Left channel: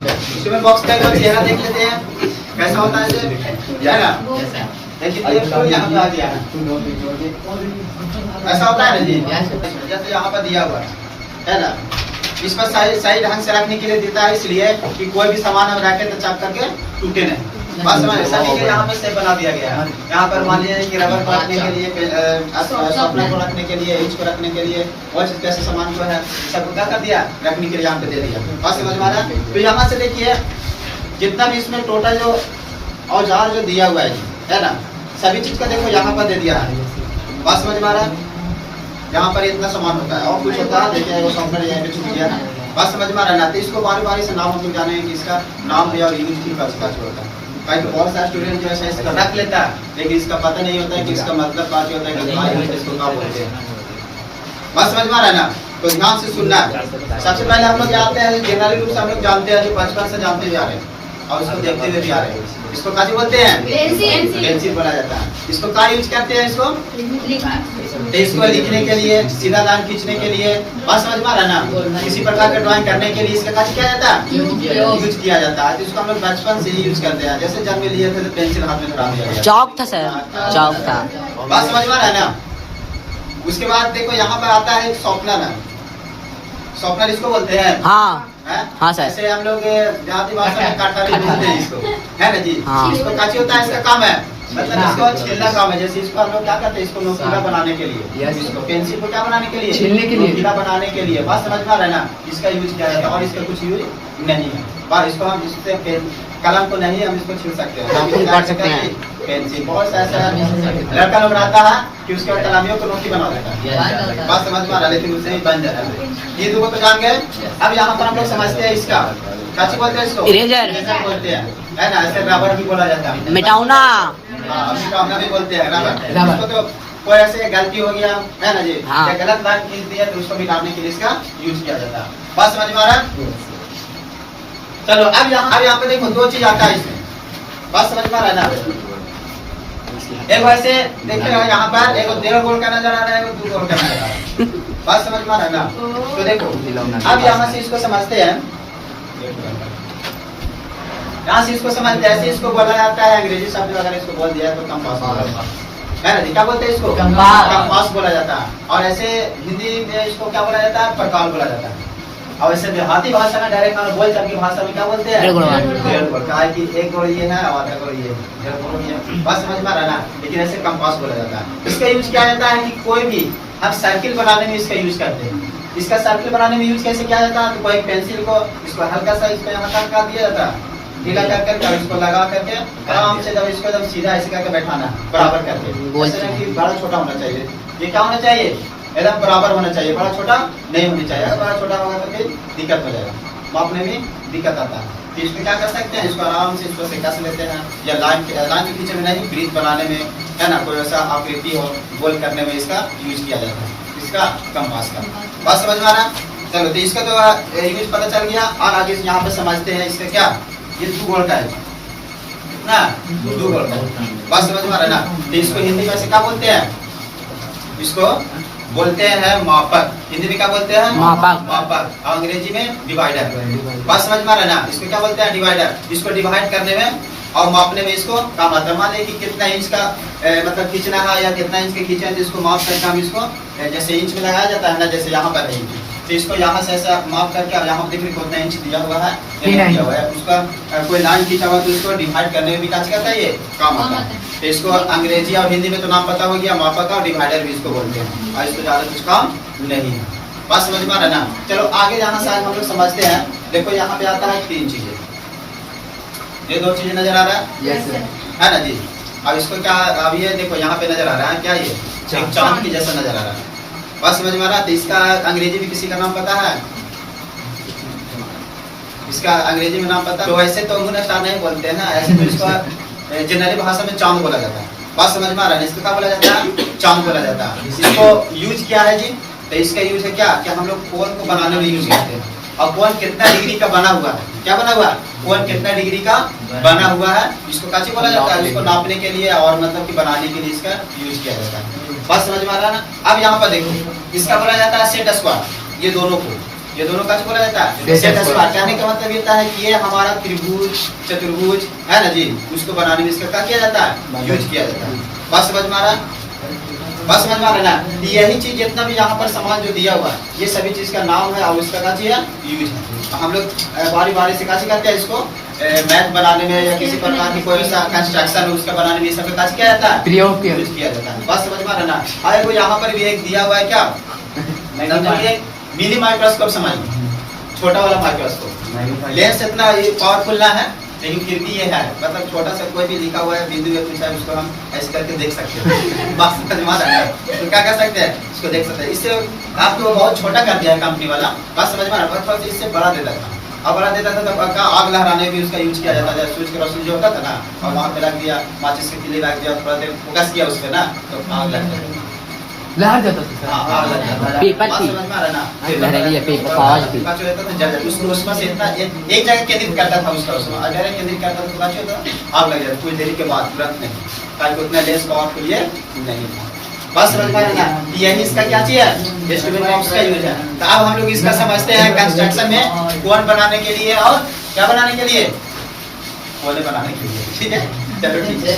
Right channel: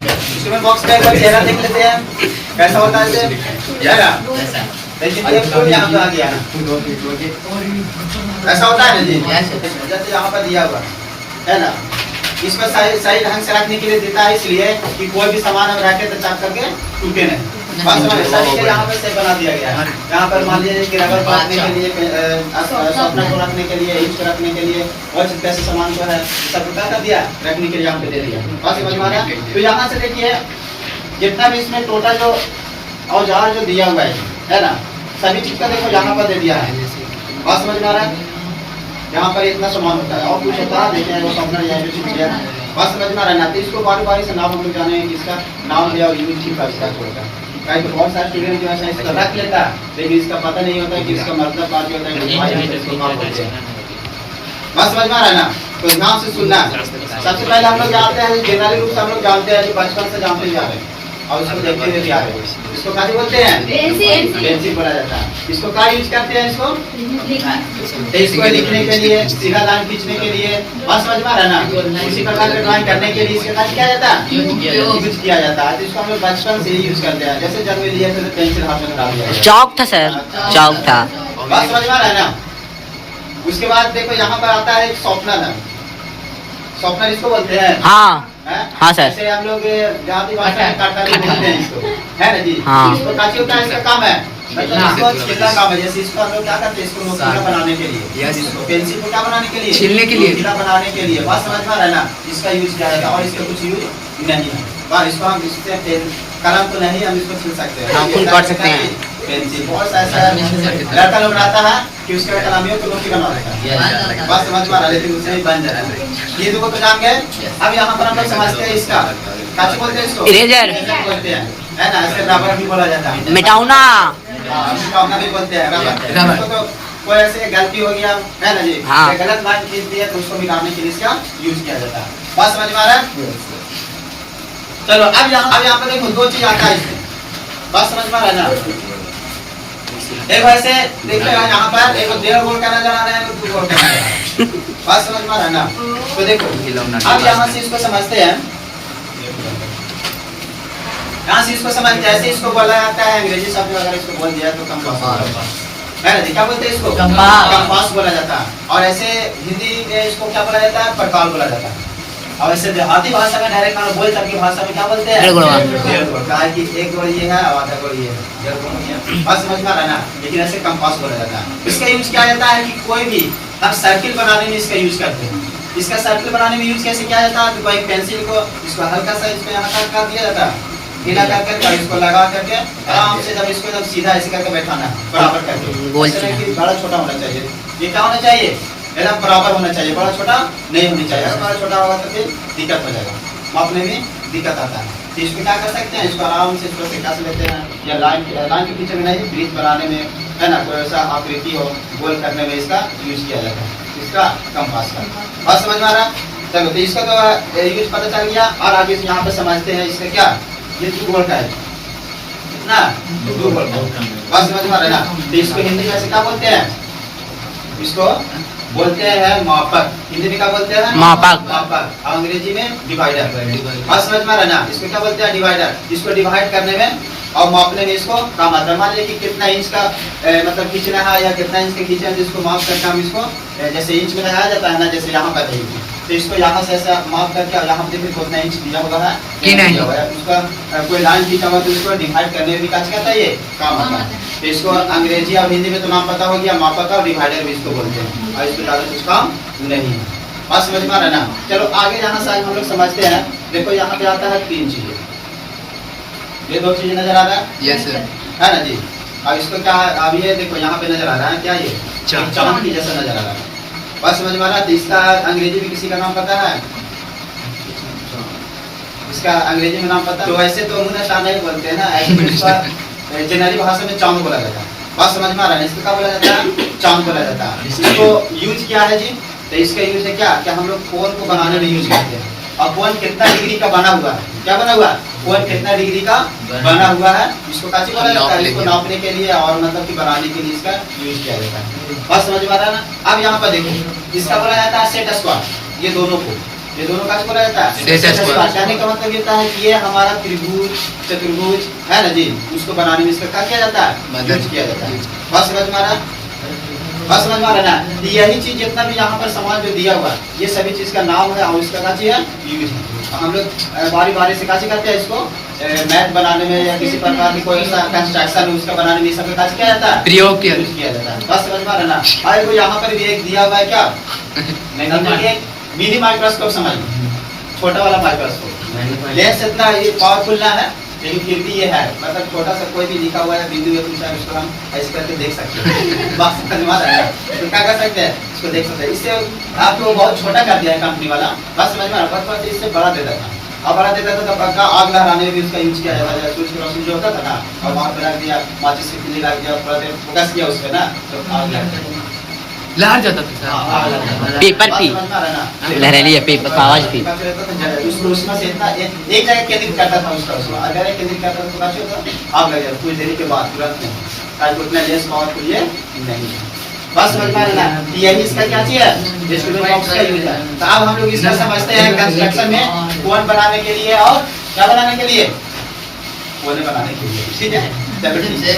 इसमें बॉक्स का एक बार चेहरा देख लेते हैं कैसा होता है इसे चेहरा। देखिए एक तो यहाँ पे आ गया ऐसा होता है ना जी, जैसे यहाँ पर दिया हुआ है ना, इस पर सही ढंग से रखने के लिए देता है, इसलिए कि कोई भी सामान हम रखे तो चाप करके टूटे नहीं। बस सभी के यहाँ पर से बना दिया गया है। यहाँ पर मान लीजिए कि रबर को रखने के लिए, शॉर्पनर को रखने के लिए, इंच को रखने के लिए, और कैसे सामान को है सब क्या कर दिया रखने के लिए यहाँ पे दे दिया। बस समझ में आ रहा है। तो यहाँ से देखिए जितना भी इसमें टोटल जो औजार जो दिया हुआ है ना, सभी चीज का देखो यहाँ पर दे दिया है। बात समझ में आ रहा है। यहाँ पर इतना सामान होता है और कुछ होता है, देखिए वो शॉर्पनर यहाँ पे छूट गया। बात समझ में आ रहा है ना। तो इसको बारी बारी से नाम हम लोग जाने कि इसका नाम है और यूज ठीक होता है। कहीं तो बहुत सारे स्टूडेंट जो है इसका रख लेता है, लेकिन इसका पता नहीं होता है कि इसका मतलब क्या होता है, इसको नाम बोलते हैं। बात समझ में आ रहा है ना। तो ध्यान से सुनना। सबसे पहले हम लोग जानते हैं, जनरली रूप से हम लोग जानते हैं, बचपन से जानते जा रहे हैं और इसको देखते हुए भी आ रहे हैं। इसको क्या बोलते हैं? पेंसिल बोला जाता है। इसको क्या यूज करते हैं? इसको लिखने के लिए, सीधा लाइन खींचने के लिए। बात समझ में आ रहा है ना। किसी प्रकार का ड्राइंग करने के लिए इसका क्या जाता है? यूज किया जाता है। तो इसको हम लोग बचपन से ही यूज करते हैं। जैसे जन्म लिए थे तो पेंसिल हाथ में धरा दिया, चौक था सर, चौक था। बात समझ में आ रहा है ना। उसके बाद देखो यहाँ पर आता है एक शॉर्पनर। शॉर्पनर इसको बोलते हैं। हाँ हाँ सर। जैसे हम लोग देहाती भाषा में कटहल बोलते हैं इसको, है ना जी। हाँ। इसको काची होता है, इसका काम है मतलब इसको छीलना काम है। जैसे इसको हम लोग क्या करते हैं, इसको नोकीला बनाने के लिए, इसको पेंसिल को क्या बनाने के लिए, छीलने के लिए, नोकीला बनाने के लिए। बात समझ में आ रहा है ना। इसका यूज किया जाएगा और इसका कुछ यूज नहीं है। बस इसको हम इससे कलम को नहीं हम इसको छील सकते हैं, नाखून काट सकते हैं। पेंसिल बहुत ऐसा लड़का लोग बनाता है कि उसके कलामियों को नोकी बना देता है। बात समझ में आ रहा है, लेकिन उससे ही बन जाता है। ये दो तो जान गए। अब यहाँ पर हम लोग समझते हैं इसका काची बोलते हैं, इसको इरेजर बोलते हैं, है ना। ऐसे रबर भी बोला जाता है, मिटाउना, मिटाउना भी बोलते हैं। रबर तो कोई ऐसे गलती हो गया है ना जी, गलत लाइन खींच दिया तो उसको मिटाने के लिए इसका यूज किया जाता है। बात समझ में आ रहा है। चलो अब यहाँ पे देखो दो चीज आता है इसमें। बात समझ में आ रहा है ना। एक वैसे देखिए यहाँ पर एक 1.5 गोल का नजर आ रहा है, एक 2 गोल का नजर आ रहा है। बात समझ में आ रहा है ना। तो देखो अब यहाँ से इसको समझते हैं। यहाँ से इसको समझ, जैसे इसको बोला जाता है अंग्रेजी शब्द अगर इसको बोल दिया तो कंपास है ना जी। क्या बोलते हैं इसको? कंपास बोला जाता है। और ऐसे हिंदी में इसको क्या बोला जाता है? पटवाल बोला जाता है। और ऐसे देहाती भाषा में डायरेक्ट हम बोल तब की भाषा में क्या बोलते हैं? डेढ़ गोल। कहा कि 1 गोल ये है और आधा गोल ये है, 1.5 गोल ये है। बात समझ में आ रहा है ना। लेकिन ऐसे कंपास बोला जाता है। इसका यूज किया जाता है कि कोई भी हम सर्किल बनाने में इसका यूज करते हैं। इसका सर्किल बनाने में यूज कैसे किया जाता है? तो कोई पेंसिल को इसको हल्का सा इसमें यहाँ तक कर दिया जाता है, ढीला करके इसको लगा करके आराम से जब इसको एकदम सीधा ऐसे करके बैठाना बराबर करके। बड़ा छोटा होना चाहिए, ये क्या होना चाहिए? एकदम बराबर होना चाहिए, बड़ा छोटा नहीं होनी चाहिए। अगर बड़ा छोटा होगा तो फिर दिक्कत हो जाएगा, मापने में दिक्कत आता है। तो इसको क्या कर सकते हैं? इसको आराम से इसको कस लेते हैं, या लाइन के पीछे में नहीं, ब्रिज बनाने में है ना, कोई ऐसा आकृति हो गोल करने में इसका यूज किया जाता है, इसका कंपास का। बात समझ में आ रहा है। चलो तो इसका तो यूज पता चल गया। और आगे से यहाँ पे समझते हैं इसका क्या, ये 2 गोल का है ना, 2 गोल का। बात समझ में आ रहा है ना। तो इसको हिंदी में क्या बोलते हैं? इसको बोलते हैं मापक। हिंदी में क्या बोलते हैं? मापक। मापक। अंग्रेजी में डिवाइडर। बात समझ में आ रहा है ना। इसको क्या बोलते हैं? डिवाइडर। इसको डिवाइड करने में और मापने में इसको काम आता है। मान लीजिए कि कितना इंच का मतलब खींचना है या कितना इंच के खींचना है, जिसको माप करके हम इसको जैसे इंच में लगाया जाता है ना, जैसे यहाँ पर देखिए तो इसको यहाँ से ऐसा माप करके और यहाँ देखिए कितना इंच दिया हुआ है कि नहीं हुआ है, उसका कोई लाइन खींचा हुआ तो इसको डिवाइड करने में भी क्या कहता है? ये काम आता है। तो इसको अंग्रेजी और हिंदी में तो नाम पता हो गया, मापक और डिवाइडर भी इसको बोलते हैं, और इसको ज्यादा कुछ काम नहीं है। बात समझ में आ रहा है ना। चलो आगे यहाँ से हम लोग समझते हैं। देखो यहाँ पे आता है 3 चीजें, ये 2 चीजें नजर आ रहा है, यस सर, है ना जी। अब इसको क्या, अब ये देखो यहाँ पे नजर आ रहा है क्या, ये चांद की जैसा नजर आ रहा है। बात समझ में आ रहा है। तो इसका अंग्रेजी में किसी का नाम पता है? इसका अंग्रेजी में नाम पता? तो वैसे तो उन्होंने चांद नहीं बोलते हैं ना, ऐसे तो इसका जनरली भाषा में चांद बोला जाता है। बात समझ में आ रहा है। इसको क्या बोला जाता है? चांद बोला जाता है। इसको यूज किया है जी। तो इसका यूज है क्या, हम लोग फोन को बनाने में यूज करते हैं। और फोन कितना डिग्री का बना हुआ है, क्या बना हुआ? फोन कितना डिग्री का बना हुआ है, इसको काची बोला जाता है? इसको नापने के लिए और मतलब कि बनाने के लिए इसका यूज किया जाता है। बात समझ में आ रहा है ना। अब यहाँ पर देखो इसका बोला जाता है सेट स्क्वायर। ये दोनों को ये दोनों का बोला जाता है सेट स्क्वायर। कहने का मतलब ये है कि ये हमारा त्रिभुज चतुर्भुज है ना जी, उसको बनाने में इसका क्या किया जाता है, मदद यूज किया जाता है। बस समझ में आ रहा है, बस समझ में आ रहा है ना। यही चीज जितना भी यहाँ पर सामान जो दिया हुआ है, ये सभी चीज का नाम है और उसका क्या चीज है, यूज है। हम लोग बारी बारी से कैसे करते हैं इसको, मैथ बनाने में या किसी प्रकार की कोई ऐसा कंस्ट्रक्शन उसका बनाने में ये सब कैसे किया जाता है, प्रयोग किया यूज किया जाता है। बस समझ में आ रहा है ना। भाई वो यहाँ पर भी एक दिया हुआ है क्या, मिनी माइक्रोस्कोप समझिए, छोटा वाला माइक्रोस्कोप। लेंस इतना ये पावरफुल ना है, लेकिन फिर भी ये है, मतलब छोटा सा कोई भी लिखा हुआ है बिंदु या कुछ है, उसको हम ऐसे करके देख सकते हैं। बस समझ में आ रहा है। तो क्या कर सकते हैं, इसको देख सकते हैं। इससे आपको बहुत छोटा कर दिया है कंपनी वाला, बस समझ में आ रहा है। बस इससे बड़ा देता था, और बड़ा देता था तब का आग लहराने में भी उसका यूज किया जाता था। सूर्य की रोशनी जो होता था ना, और वहाँ पे रख दिया, माचिस की तिल्ली रख दिया, फोकस किया उस पे ना, तो आग लग जाता था। लहर जाता था पेपर भी लहरेली है, पेपर कागज भी। उसमें से इतना एक जगह केंद्रित करता था उसका, उसमें अगर केंद्रित करता था तो क्या होता, आग लग जाता कुछ देरी के बाद, तुरंत नहीं, ताकि उतना लेंस पावरफुल ये नहीं है। बस समझ में आया ना। यही इसका क्या चीज है, स्टूडियो बॉक्स का यूज है। तो अब हम लोग इसका समझते हैं कंस्ट्रक्शन में कोन बनाने के लिए और क्या बनाने के लिए, कोने बनाने के लिए। ठीक है, चलो ठीक है।